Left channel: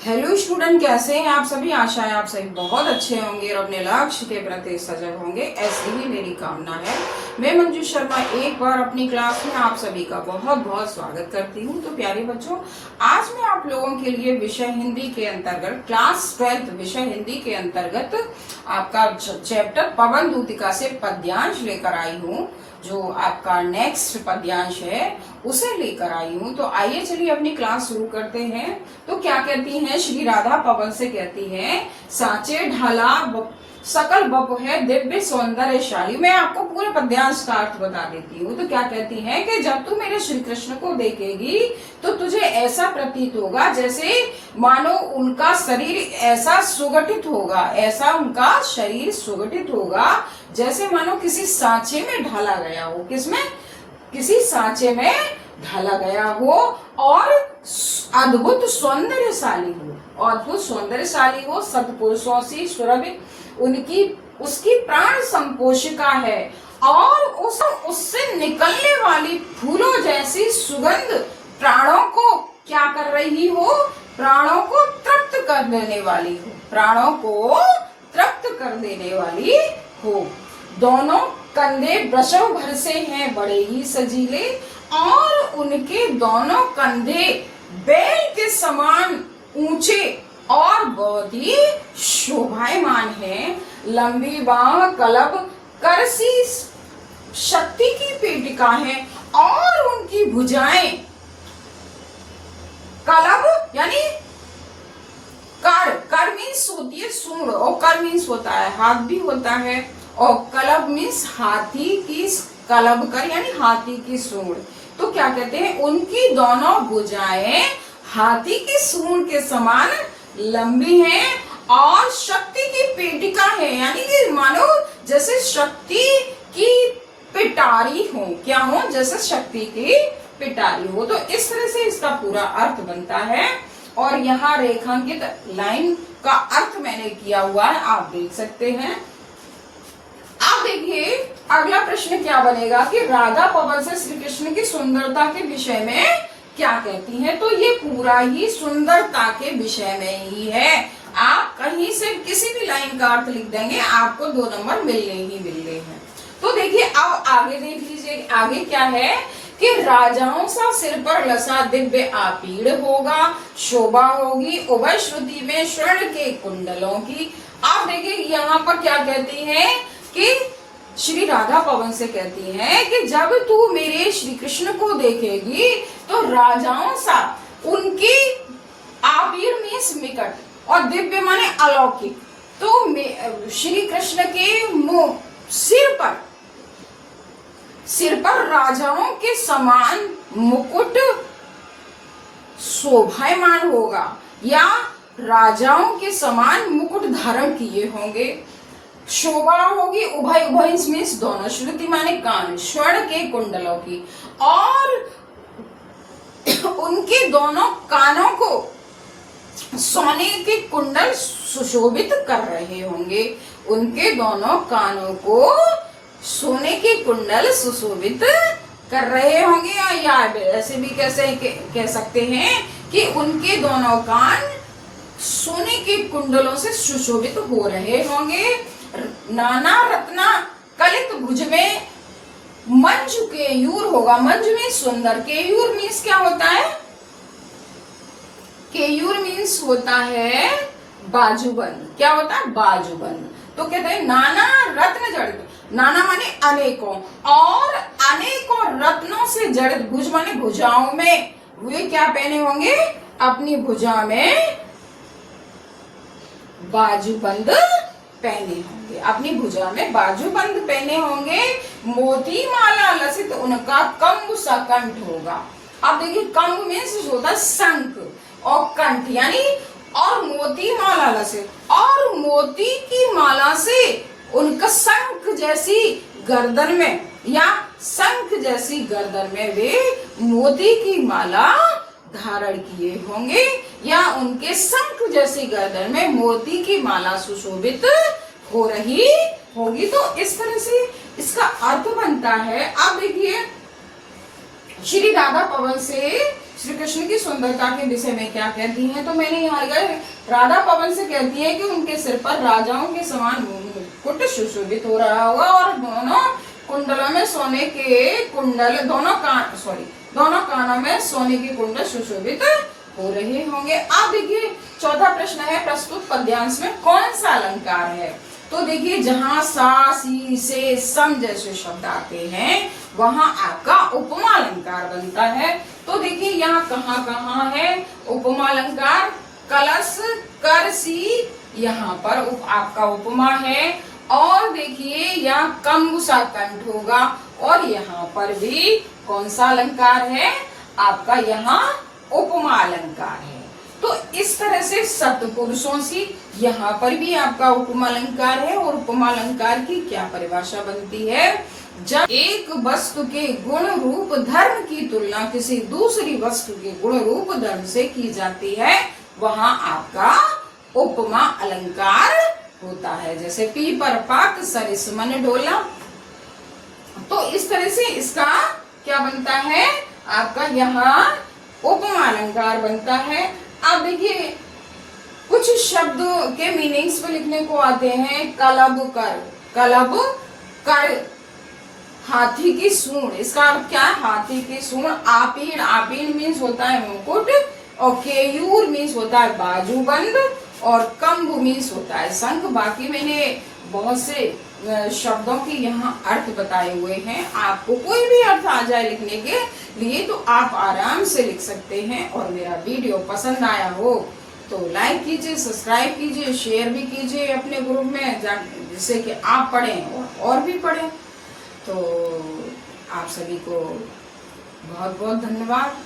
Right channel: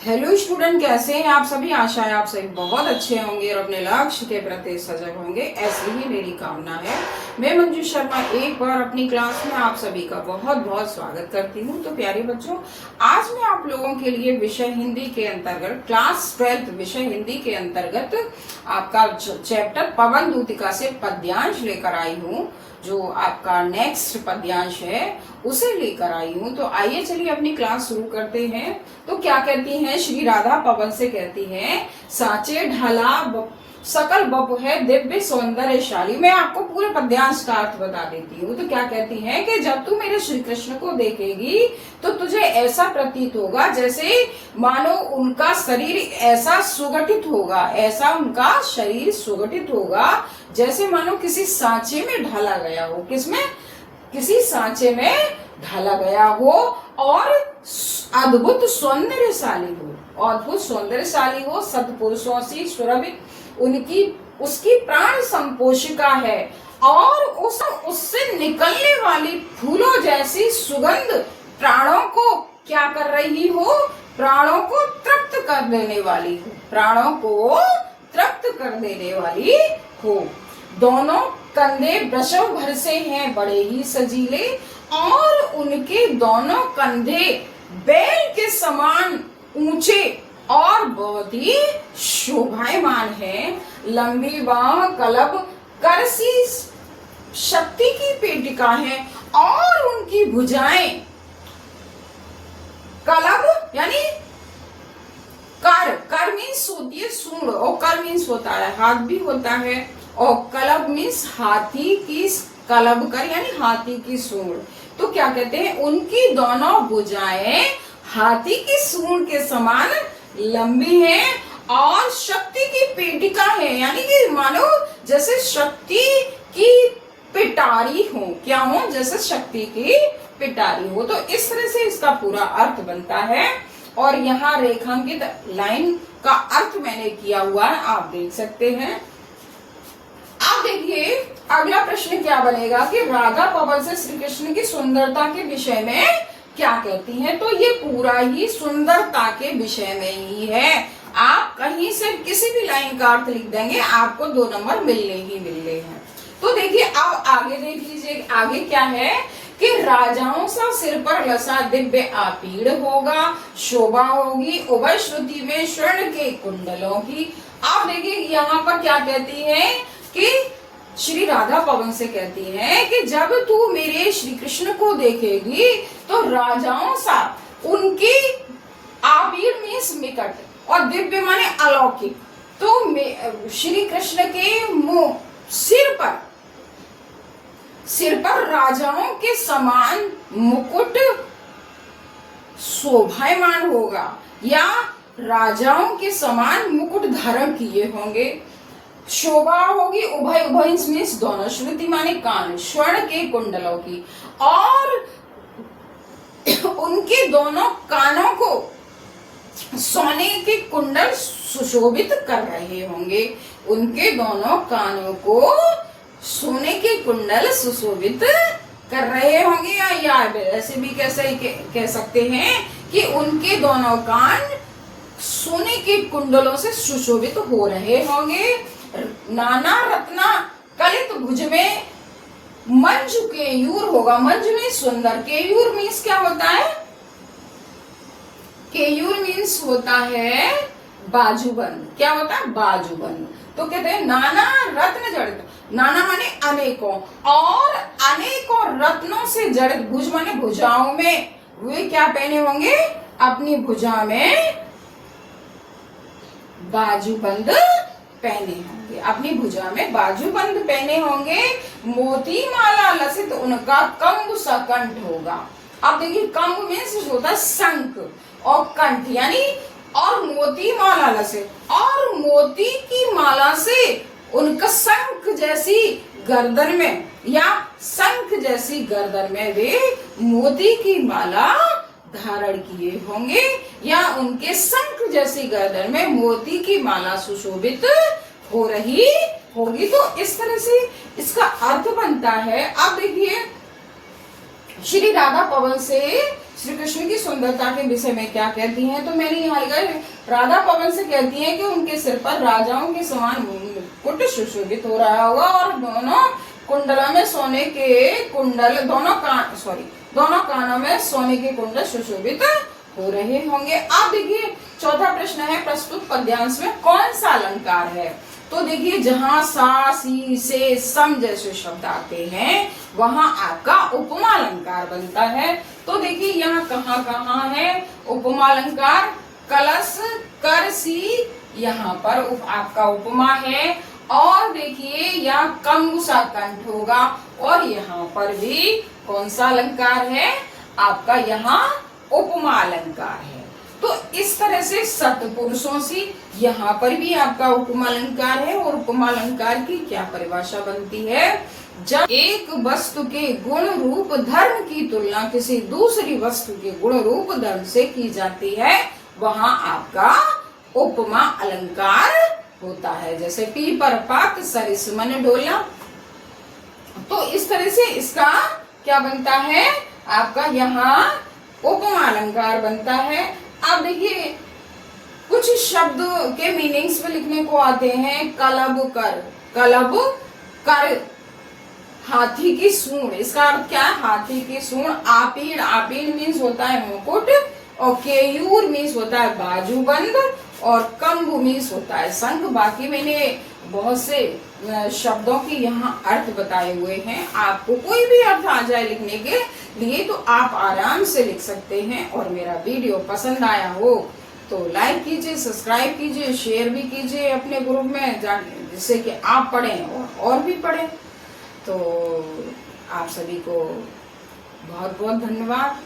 Hello student, कैसे हैं आप सभी। आशा है आप सभी बहुत अच्छे होंगे और अपने लक्ष्य के प्रति सजग होंगे, ऐसी ही मेरी कामना है। मैं मंजू शर्मा एक बार अपनी क्लास में आप सभी का बहुत बहुत स्वागत करती हूं। तो प्यारे बच्चों, आज मैं आप लोगों के लिए विषय हिंदी के अंतर्गत क्लास 12 विषय हिंदी के अंतर्गत आपका चैप्टर पवन दूतिका से पद्यांश लेकर आई हूँ। जो आपका नेक्स्ट पद्यांश है उसे लेकर आई हूँ। तो आइए चलिए अपनी क्लास शुरू करते हैं। तो क्या कहती हैं, श्री राधा पवन से कहती हैं, साचे ढाला सकल बप है दिव्य सौंदर्यशाली। मैं आपको पूरे पद्यांश का अर्थ बता देती हूँ। तो क्या कहती हैं कि जब तू मेरे श्री कृष्ण को देखेगी तो तुझे ऐसा प्रतीत होगा जैसे मानो उनका शरीर ऐसा सुगठित होगा, ऐसा उनका शरीर सुगठित होगा जैसे मानो किसी सांचे में ढाला गया हो। किसमें? किसी सांचे में ढाला गया हो और अद्भुत सौंदर्यशाली हो, अद्भुत सौंदर्यशाली हो, सतपुरुषों से सुरभित उनकी उसकी प्राण संपोषिका है और उससे निकलने वाली फूलों जैसी सुगंध प्राणों को क्या कर रही हो? प्राणों को तृप्त कर देने वाली हो, प्राणों को तृप्त कर देने वाली हो। दोनों कंधे वृषभ भर से हैं बड़े ही सजीले और उनके दोनों कंधे बैल के समान ऊंचे और बहुत ही शोभायमान है। लंबी बाह कलब करसी शक्ति की पेटिका है और उनकी भुजाएं कलब यानी कर मीन्स होती है सूंड और कर मीन्स होता है हाथ भी होता है और कलब मीन्स हाथी की कलब कर यानी हाथी की सूंड। तो क्या कहते हैं, उनकी दोनों भुजाएं हाथी की सूंड के समान लंबी है और शक्ति की पेटिका है, यानी कि मानो जैसे शक्ति की पिटारी हो। क्या हो? जैसे शक्ति की पिटारी हो। तो इस तरह से इसका पूरा अर्थ बनता है और यहाँ रेखांकित लाइन का अर्थ मैंने किया हुआ है, आप देख सकते हैं। आप देखिए अगला प्रश्न क्या बनेगा कि राधा पवन से श्री कृष्ण की सुंदरता के विषय में क्या कहती हैं। तो ये पूरा ही सुंदरता के विषय में ही है। आप कहीं से किसी भी लाइन का अर्थ लिख देंगे, आपको 2 नंबर मिलने ही मिलने हैं। तो देखिए अब आगे देख लीजिए, आगे क्या है कि राजाओं सा सिर पर लसा दिव्य आपीड़ होगा, शोभा होगी उभय श्रुति में स्वर्ण के कुंडलों की। आप देखिए यहाँ पर क्या कहती है कि श्री राधा पवन से कहती है कि जब तू मेरे श्री कृष्ण को देखेगी तो राजाओं सा उनकी आबीर मीन्स निकट और दिव्य माने अलौकिक। तो श्री कृष्ण के मुंह सिर पर राजाओं के समान मुकुट शोभायमान होगा या राजाओं के समान मुकुट धारण किए होंगे। शोभा होगी उभय उभय मीन्स दोनों, श्रुति माने कान, स्वर्ण के कुंडलों की और उनके दोनों कानों को सोने के कुंडल सुशोभित कर रहे होंगे। उनके दोनों कानों को सोने के कुंडल सुशोभित कर रहे होंगे या ऐसे भी कैसे कह सकते हैं कि उनके दोनों कान सोने के कुंडलों से सुशोभित हो रहे होंगे। नाना रत्ना कलित भुज में मंजू केयूर होगा। मंजू में सुंदर, केयूर मीन्स क्या होता है? केयूर मीन्स होता है बाजूबंद। क्या होता है? बाजूबंद। तो कहते हैं नाना रत्न जड़ित, नाना माने अनेकों और अनेकों रत्नों से जड़ित, भुज माने भुजाओं में, वे क्या पहने होंगे? अपनी भुजा में बाजूबंद पहने होंगे, अपनी भुजा में बाजूबंद पहने होंगे। मोती माला लसित उनका कंब सा कंठ होगा। अब देखिए कंब में होता है शंख और कंठ यानी और मोती माला लसित और मोती की माला से उनका शंख जैसी गर्दन में या शंख जैसी गर्दन में वे मोती की माला धारण किए होंगे या उनके शंख जैसी गर्दन में मोती की माला सुशोभित हो रही होगी। तो इस तरह से इसका अर्थ बनता है। अब देखिए श्री राधा पवन से श्री कृष्ण की सुंदरता के विषय में क्या कहती हैं, तो मैंने यहाँ राधा पवन से कहती है कि उनके सिर पर राजाओं के समान मुकुट सुशोभित हो रहा होगा और दोनों कुंडलों में सोने के कुंडल, दोनों कानों में सोने के कुंडल सुशोभित हो रहे होंगे। आप देखिए चौथा प्रश्न है, प्रस्तुत पद्यांश में कौन सा अलंकार है। तो देखिए जहां सा, सी, से, सम जैसे शब्द आते हैं वहां आपका उपमा अलंकार बनता है। तो देखिए यहाँ कहाँ है उपमा अलंकार, कलश, कर, सी, यहाँ पर आपका उपमा है। और देखिए यहाँ कंगुसा कंठ होगा और यहाँ पर भी कौन सा अलंकार है आपका, यहाँ उपमा अलंकार है। तो इस तरह से सत्पुरुषों से यहाँ पर भी आपका उपमा अलंकार है। और उपमा अलंकार की क्या परिभाषा बनती है, जब एक वस्तु के गुण रूप धर्म की तुलना किसी दूसरी वस्तु के गुण रूप धर्म से की जाती है वहां आपका उपमा अलंकार होता है। जैसे पीपर पात सरिस मन डोला। तो इस तरह से इसका क्या बनता है आपका, यहाँ उपमा अलंकार बनता है। अब देखिए कुछ शब्द के मीनिंग्स में लिखने को आते हैं, कलब कर, कलब कर, हाथी की सूंड, इसका अर्थ क्या है, हाथी की सूंड। आपीन, आपीन मीन्स होता है मुकुट, और केयूर मीन्स होता है बाजूबंद, और कंग मीन्स होता है शंख। बाकी मैंने बहुत से शब्दों के यहाँ अर्थ बताए हुए हैं। आपको कोई भी अर्थ आ जाए लिखने के लिए तो आप आराम से लिख सकते हैं। और मेरा वीडियो पसंद आया हो तो लाइक कीजिए, सब्सक्राइब कीजिए, शेयर भी कीजिए अपने ग्रुप में, जिससे कि आप पढ़ें और भी पढ़ें। तो आप सभी को बहुत बहुत धन्यवाद।